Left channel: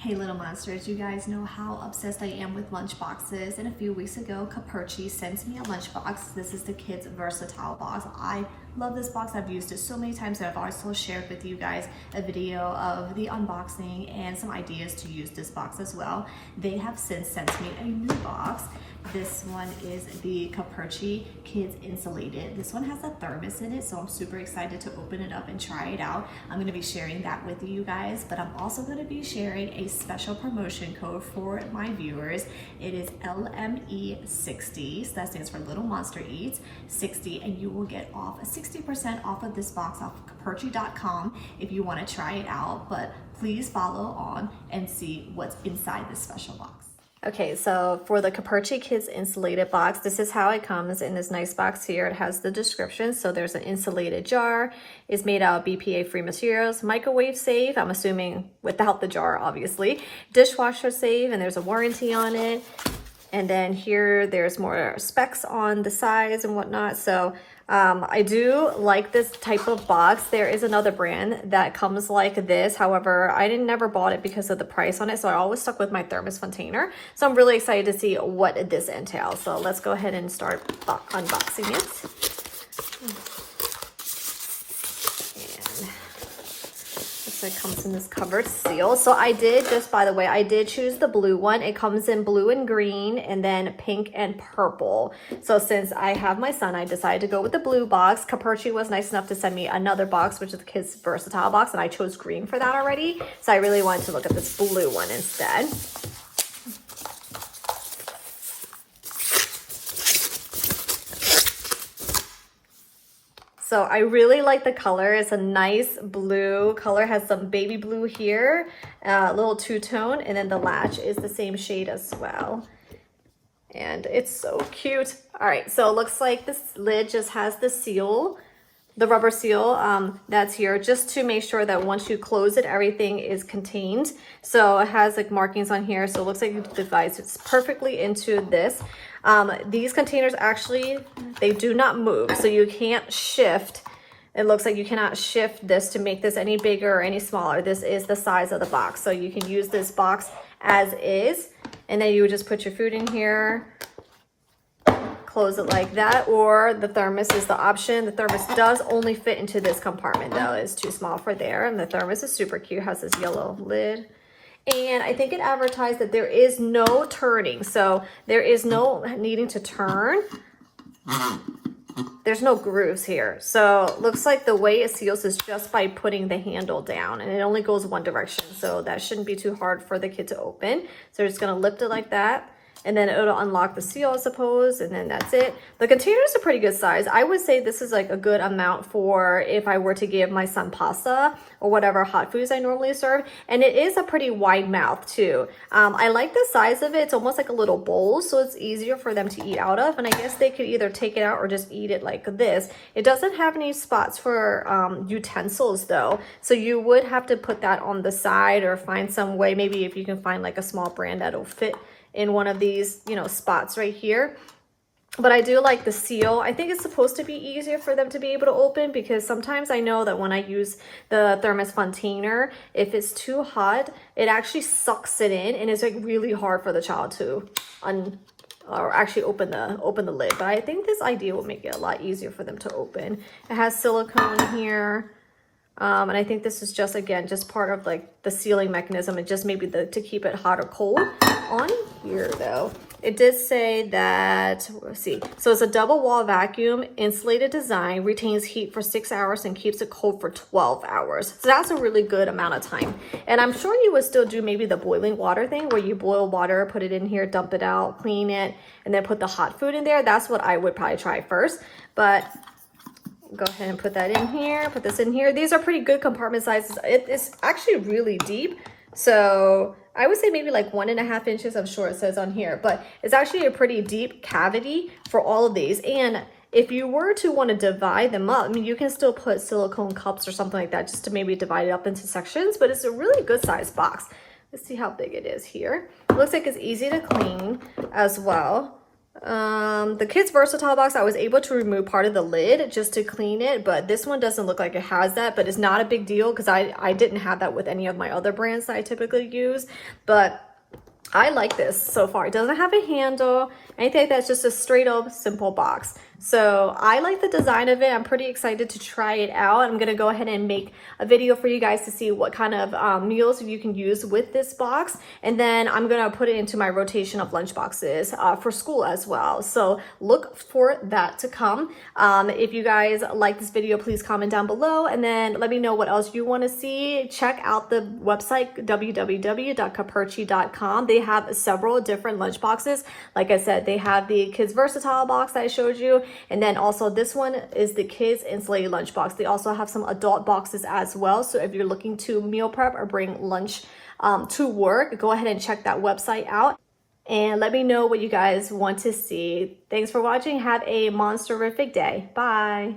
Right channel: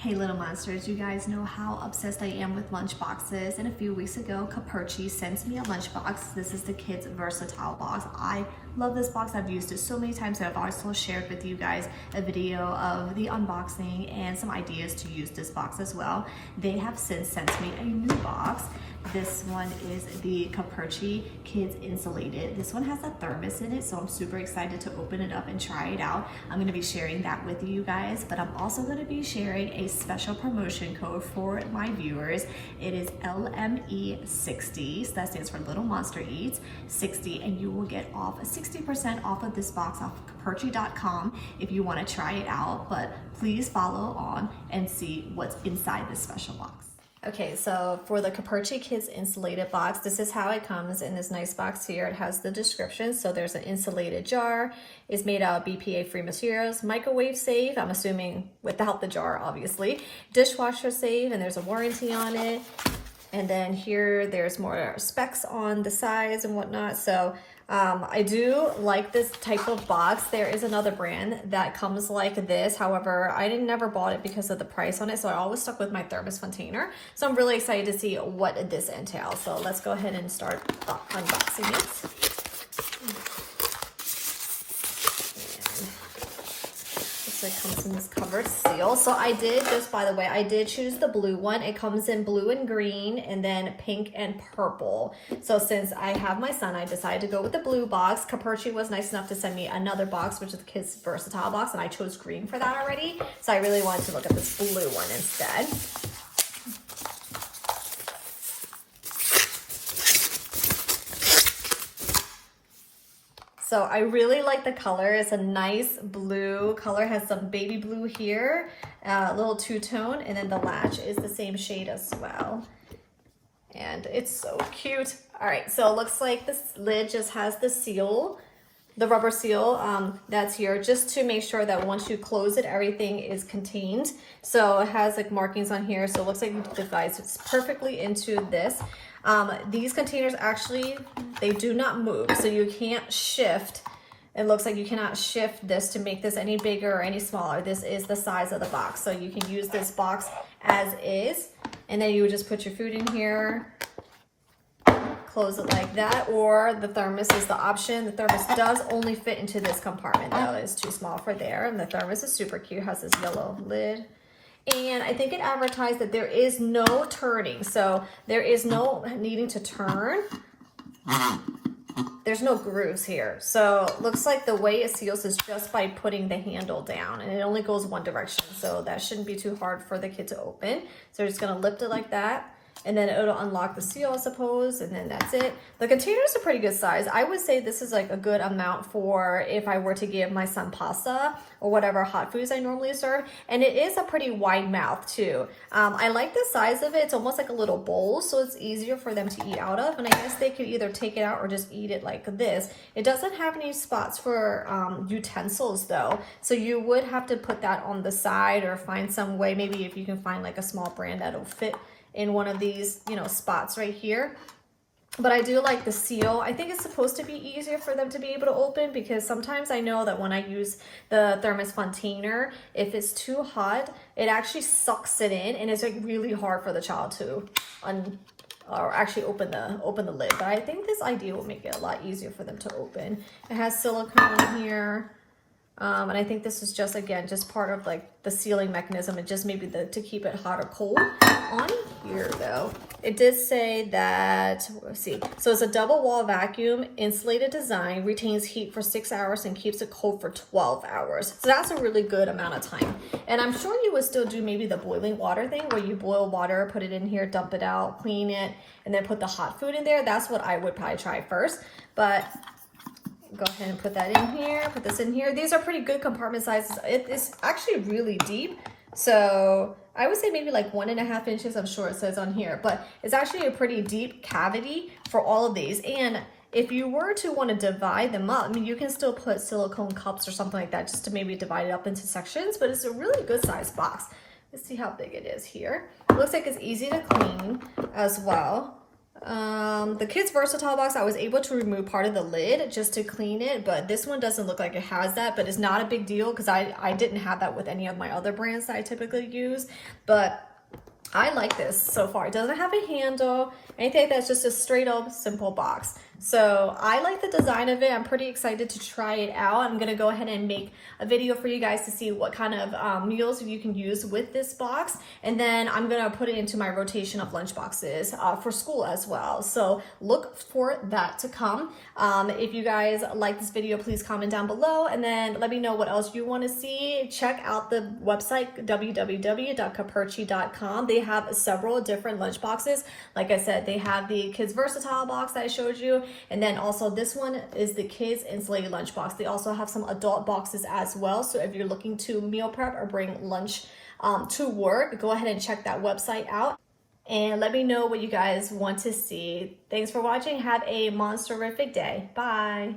Hey little monsters, you guys know how obsessed I am with lunchboxes, and a few weeks ago Caperci sent me a lunchbox. This is the kids versatile box. I love this box. I've used it so many times that I've also shared with you guys a video of the unboxing and some ideas to use this box as well. They have since sent me a new box. This one is the Caperci Kids Insulated. This one has a thermos in it, so I'm super excited to open it up and try it out. I'm going to be sharing that with you guys, but I'm also going to be sharing a special promotion code for my viewers. It is LME60, so that stands for Little Monster Eats 60, and you will get off 60% off of this box off Caperci.com if you want to try it out. But please follow on and see what's inside this special box. Okay, so for the Caperci Kids Insulated box, this is how it comes in this nice box here. It has the description. So there's an insulated jar. It's made out of BPA-free materials, microwave safe, I'm assuming without the jar, obviously, dishwasher safe, and there's a warranty on it. And then here, there's more specs on the size and whatnot. So I do like this type of box. There is another brand that comes like this. However, I never bought it because of the price on it. So I always stuck with my thermos container. So I'm really excited to see what this entails. So let's go ahead and start unboxing it. It comes in this covered seal. So I did, just by the way, I did choose the blue one. It comes in blue and green and then pink and purple. So since I have my son, I decided to go with the blue box. Caperci was nice enough to send me another box, which is the Kids Versatile box, and I chose green for that already. So I really wanted to look at this blue one instead. So I really like the color. It's a nice blue color, has some baby blue here, a little two-tone, and then the latch is the same shade as well. And it's so cute. All right, so it looks like this lid just has the seal, the rubber seal that's here, just to make sure that once you close it, everything is contained. So it has like markings on here, so it looks like the device fits perfectly into this. These containers actually, they do not move, so you can't shift. It looks like you cannot shift this to make this any bigger or any smaller. This is the size of the box, so you can use this box as is, and then you would just put your food in here, close it like that, or the thermos is the option. The thermos does only fit into this compartment though. It's too small for there, and the thermos is super cute, has this yellow lid. And I think it advertised that there is no turning. So there is no needing to turn. There's no grooves here. So it looks like the way it seals is just by putting the handle down, and it only goes one direction. So that shouldn't be too hard for the kid to open. So we're just gonna lift it like that, and then it'll unlock the seal, I suppose, and then that's it. The container is a pretty good size. I would say this is like a good amount for if I were to give my son pasta or whatever hot foods I normally serve. And it is a pretty wide mouth too. I like the size of it. It's almost like a little bowl, so it's easier for them to eat out of. And I guess they could either take it out or just eat it like this. It doesn't have any spots for utensils though. So you would have to put that on the side or find some way, maybe if you can find like a small brand that'll fit in one of these, you know, spots right here. But I do like the seal. I think it's supposed to be easier for them to be able to open, because sometimes I know that when I use the thermos container, if it's too hot, it actually sucks it in, and it's like really hard for the child to actually open the lid. But I think this idea will make it a lot easier for them to open. It has silicone here. And I think this is just, again, just part of like the sealing mechanism. It just maybe to keep it hot or cold. On here though, it did say that, let's see. So it's a double wall vacuum insulated design, retains heat for 6 hours and keeps it cold for 12 hours. So that's a really good amount of time. And I'm sure you would still do maybe the boiling water thing, where you boil water, put it in here, dump it out, clean it, and then put the hot food in there. That's what I would probably try first. But go ahead and put that in here, put this in here. These are pretty good compartment sizes. It is actually really deep. So I would say maybe like 1.5 inches, I'm sure it says on here, but it's actually a pretty deep cavity for all of these. And if you were to want to divide them up, I mean, you can still put silicone cups or something like that just to maybe divide it up into sections, but it's a really good size box. Let's see how big it is here. It looks like it's easy to clean as well. The Kids Versatile box, I was able to remove part of the lid just to clean it, but this one doesn't look like it has that, but it's not a big deal because I didn't have that with any of my other brands that I typically use. But I like this so far. It doesn't have a handle, anything like that. It's just a straight up simple box. So I like the design of it. I'm pretty excited to try it out. I'm gonna go ahead and make a video for you guys to see what kind of meals you can use with this box. And then I'm gonna put it into my rotation of lunch boxes for school as well. So look for that to come. If you guys like this video, please comment down below and then let me know what else you wanna see. Check out the website, www.caperci.com. They have several different lunch boxes. Like I said, they have the Kids Versatile box that I showed you. And then also this one is the Kids Insulated Lunchbox. They also have some adult boxes as well. So if you're looking to meal prep or bring lunch to work, go ahead and check that website out. And let me know what you guys want to see. Thanks for watching. Have a monster-rific day. Bye.